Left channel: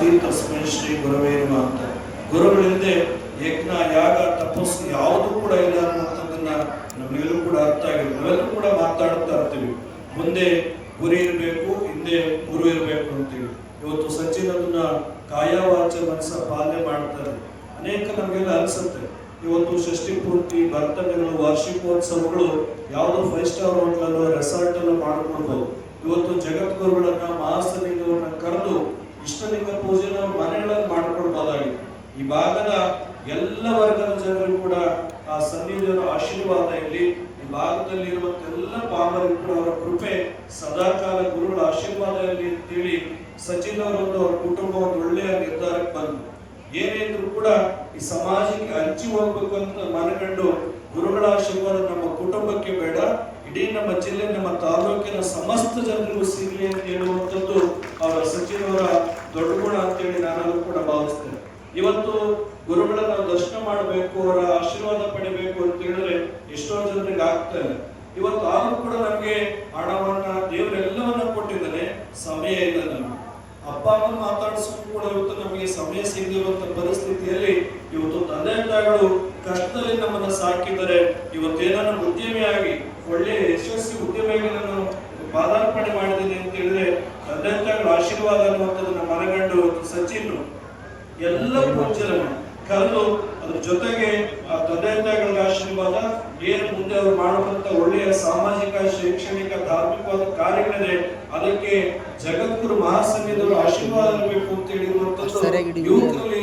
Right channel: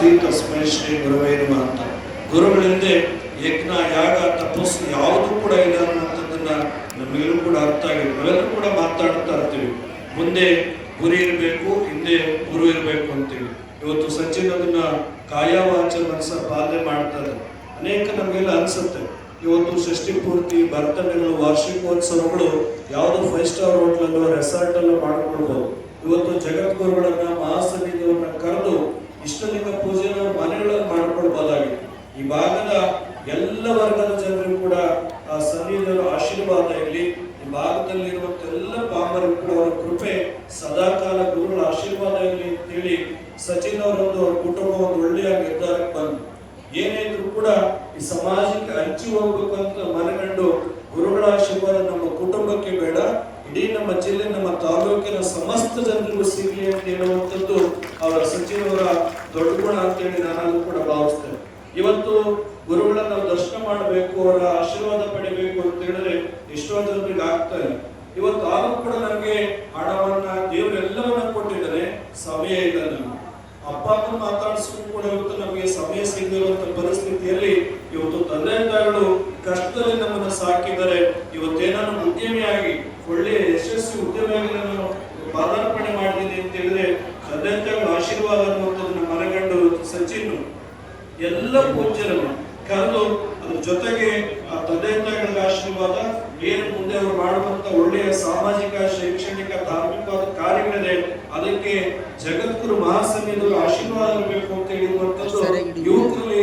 ಸ್ವಸ್ತಿ ತಸ್ಮೈ ಶ್ರೀ ಗುರವೇ ನಮಃ ಅಂತ. ಗುರುಗಳಿಂದ ಯಜ್ಞ ಯಾಗ ತಪಸ್ಸು ಯಾವುದೂ ಕೂಡ ಇಲ್ಲ ಅನ್ನುವಂಥದ್ದನ್ನ ನಮ್ಮೆಲ್ಲರೂ ಕೂಡ ಅರ್ಥ ಆಗಿದೆ. ನಾವೆಲ್ಲರೂ ಕೂಡ ಮಾತಾಡ್ತಾ ಇರ್ತೀವಿ, ಮುಂದೆ ಗುರಿ ಇರಬೇಕು, ಹಿಂದೆ ಗುರು ಇರಬೇಕು ಅಂತೇಳಿ. ಇವತ್ತು ಸಚಿನ್ ಅದನ್ನ ಕಾಯ ವಾಚ ಮನಸ ಪಾಲನೆ ಮಾಡ್ತಾರೆ. ಅನೇಕ ನಮಗೆಲ್ಲ ಅನ್ಸುತ್ತೆ, ಇವತ್ತು ಷಷ್ಠಿ ಪೂರ್ತಿ, ಬರ್ತಡೇಗಳು, ವಾರ್ಷಿಕೋತ್ಸವಗಳು ಯಾವುದೋ 5 ಸ್ಟಾರ್ ಹೋಟೆಲ್ ರೆಸಾರ್ಟ್ ಅಲ್ಲೂ ಮಾಡ್ಕೊಳ್ಬಹುದು. ಇವತ್ತು ಜಗದ್ಗುರುಗಳನ್ನ ಮಹಾಸನ್ನಿಧಿಗಳನ್ನ ಕರೆದು ಇಷ್ಟಲಿಂಗ ಪೂಜೆನ ಮನೆಗಳಲ್ಲಿ ಮಾಡ್ಕೊಳ್ಬಹುದಾಗಿದೆ. ಈ ಭಾಗದ ಎಲ್ಲ ವರ್ಗದ ಜನರು ಕೂಡ ಆ ಸನ್ನಿಧಿಯ ಆಶೀರ್ವಾದ ಇಲ್ಲಿ, ಈ ಭಾಗದಲ್ಲಿ ಇರುವಂತ ಎಲ್ಲ ಪಾಮರರು ಕೂಡ ಅವರ ಕೃಪೆ ಸದಾಕಾಲ ಗುರುಗಳ ಆಶೀರ್ವಾದ ಇರಲಿ ಅಂತೇಳಿ ಸಚಿನ್ ಅವರೊಂದು ಅವ್ರ ಕುಟುಂಬ ಒಂದು ಒಳ್ಳೆಯ ನಿರ್ಧಾರಕ್ಕೆ ಬಂದು ಏನೇದ್ರು ಕೂಡ ಈ ಸಮಾಜಕ್ಕೆ ಹಂಚಿ ಹೋಗ್ಬೇಕು ಅಂತ ಮನಗಂಡು ಗುರುಗಳ ಆಶೀರ್ವಾದ ನಮ್ಮ ಕುಟುಂಬಕ್ಕೆ ಬೇಡ, ಇಡೀ ನಮ್ಮ ಜಿಲ್ಲೆ, ನಮ್ಮ ತಾಲೂಕಿನ ಸಮಸ್ತ ಜನರಿಗೂ ಸಿಗಲಿ ಅಂತ ಹೇಳುವಂಥದ್ದು ಅವರ ಸಚಿನ್ ಅವರ ದೊಡ್ಡ ಗುಣ ಅಂತೇಳಿ ನಾನು ಕೂಡ ಭಾವಿಸ್ತೇನೆ. ಇವತ್ತು ಗುರುಗಳ ನಾವು ದರ್ಶನ ಮಾಡಬೇಕು, ಅವರ ಆಶೀರ್ವಾದ ಪಡಿಬೇಕು ಅಂತ ಹೇಳಿದ್ರೆ ಎಷ್ಟೋ ಜನರಿಗೆ ಆಗ್ತಾ ಇಲ್ಲ. ಇವತ್ತು ಆದರೂ ಕೂಡ ನಮಗೆ ಹಣವನ್ನ ದೇವರೆಲ್ಲವನ್ನ ಕೊಟ್ಟಿದ್ದಾನೆ, ಸಮಯ ಇಲ್ಲ. ನಮ್ಮ ಅಪ್ಪ ಅಮ್ಮ ಮಾತಾಡಿಸೋದು ಕೂಡ ಇವತ್ತು ನಮಗೆ ಸಮಯ ಸಿಗದಿರುವಂತ ಪರಿಸ್ಥಿತಿಯಲ್ಲಿ ಇವತ್ತು ತಂದೆ ತಾಯಿಗಳು ಕಷ್ಟದಲ್ಲಿ ನಮ್ಮನ್ನ ಸಾಕಿದರೆ ಇವತ್ತೇನನ್ನ ಉದ್ಯಮಿಯಾಗಿ ಒಳ್ಳೆಯ ಯಶಸ್ವಿ ಉದ್ಯಮಿಯಾಗಿ ನಾನು ಪಾದಾರ್ಪಣೆ ಮಾಡಿದ್ದೀನಿ ಅಂತ ಹೇಳಿದ್ರೆ ತಂದೆ ತಾಯಿಗಳ ಆಶೀರ್ವಾದ ಅನ್ನುವಂಥದ್ದು ನಮ್ಮ ಮನೆಗಂಡು ಸಚಿನ್ ಎಲ್ಲ ಪೂಜ್ಯರನ್ನು ಕರೆದು ಅದ್ರ ಜೊತೆಗೆ ಆ ತಂದೆ ತಾಯಿಗಳ ಆಶೀರ್ವಾದ ಏನು ಮುಂದೆ ಅವರು ಮಾಡುವಂತ ಒಳ್ಳೆಯ ಸಾಮಾಜಿಕ, ಶೈಕ್ಷಣಿಕ, ಧಾರ್ಮಿಕವಾದ ಕಾರ್ಯಗಳಿದೆ, ಅದಕ್ಕೆ ಜಗದ್ಗುರು ಮಹಾಸನ್ನಿಧಿಗಳು ಆಶೀರ್ವಾದ ಇರಬೇಕು ಅಂತ ಹೇಳಿರುವಂತದ್ದು ಯುವಕರಲ್ಲಿ